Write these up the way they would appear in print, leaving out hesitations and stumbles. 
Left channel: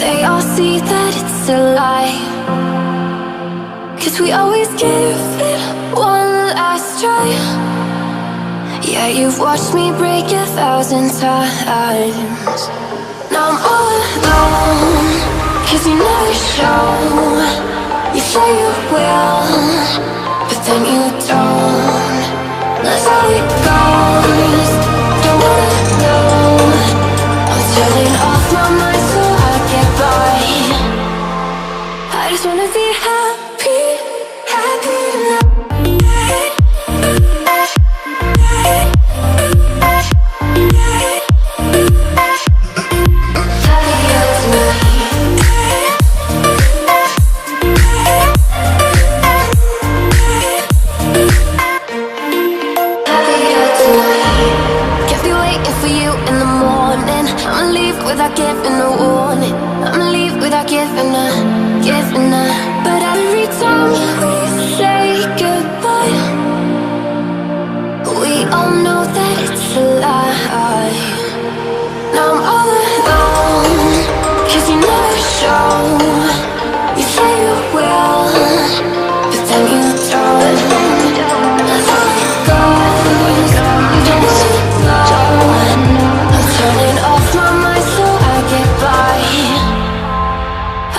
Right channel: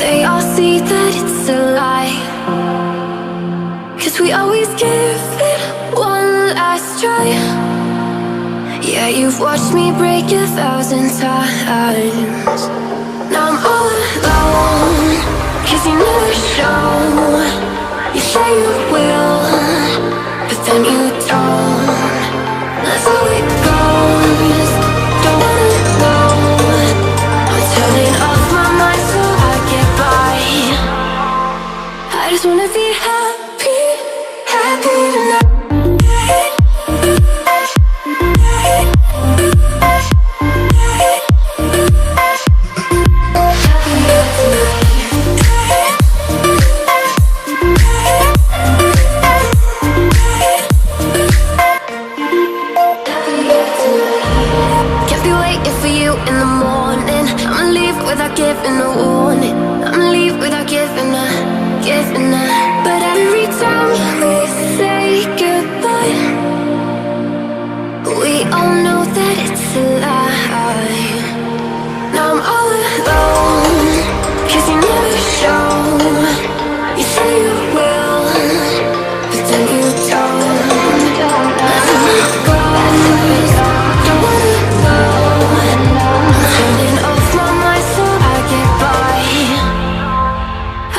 They all see that it's a lie, 'cause we always give it one last try. Yeah, you've watched me break 1,000 times. Now I'm all alone, 'cause you never show. You say you will, but then you don't. That's how it goes. Don't wanna know. I'm turning off my mind so I get by. I just wanna be happy, happy tonight. For you in the morning, I'ma leave without giving a warning. I'ma leave without giving a. But every time we say goodbye, we all know that it's a lie. Now I'm all alone, 'cause you never show. You say you will, but then you don't. That's how it goes. Don't wanna know. Turning off my mind so I get by.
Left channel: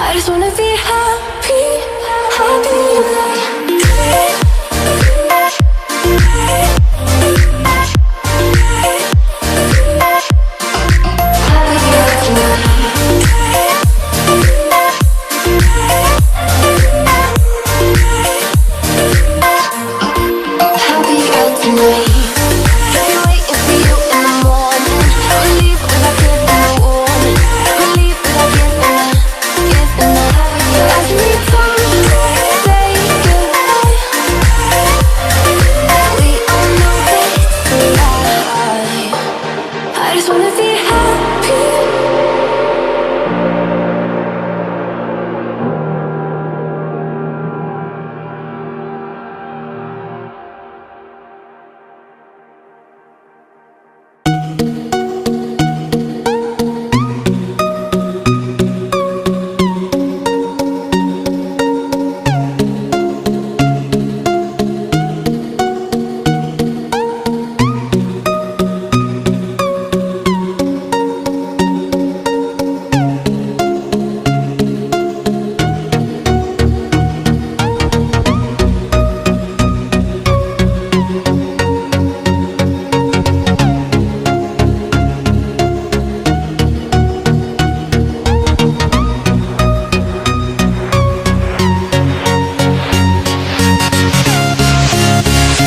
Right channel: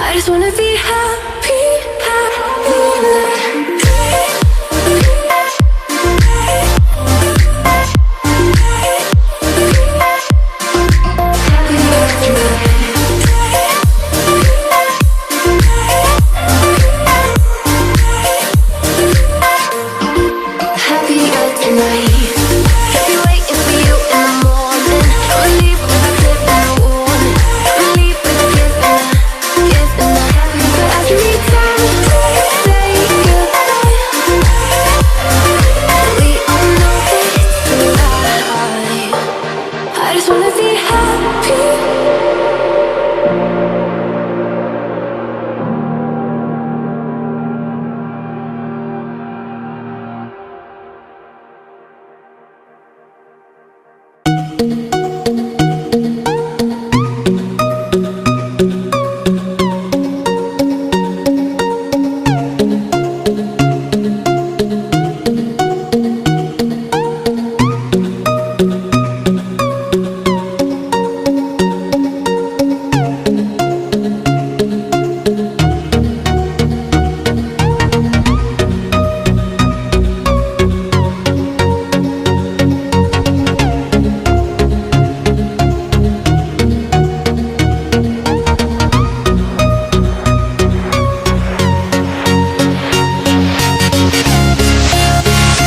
I just wanna be happy.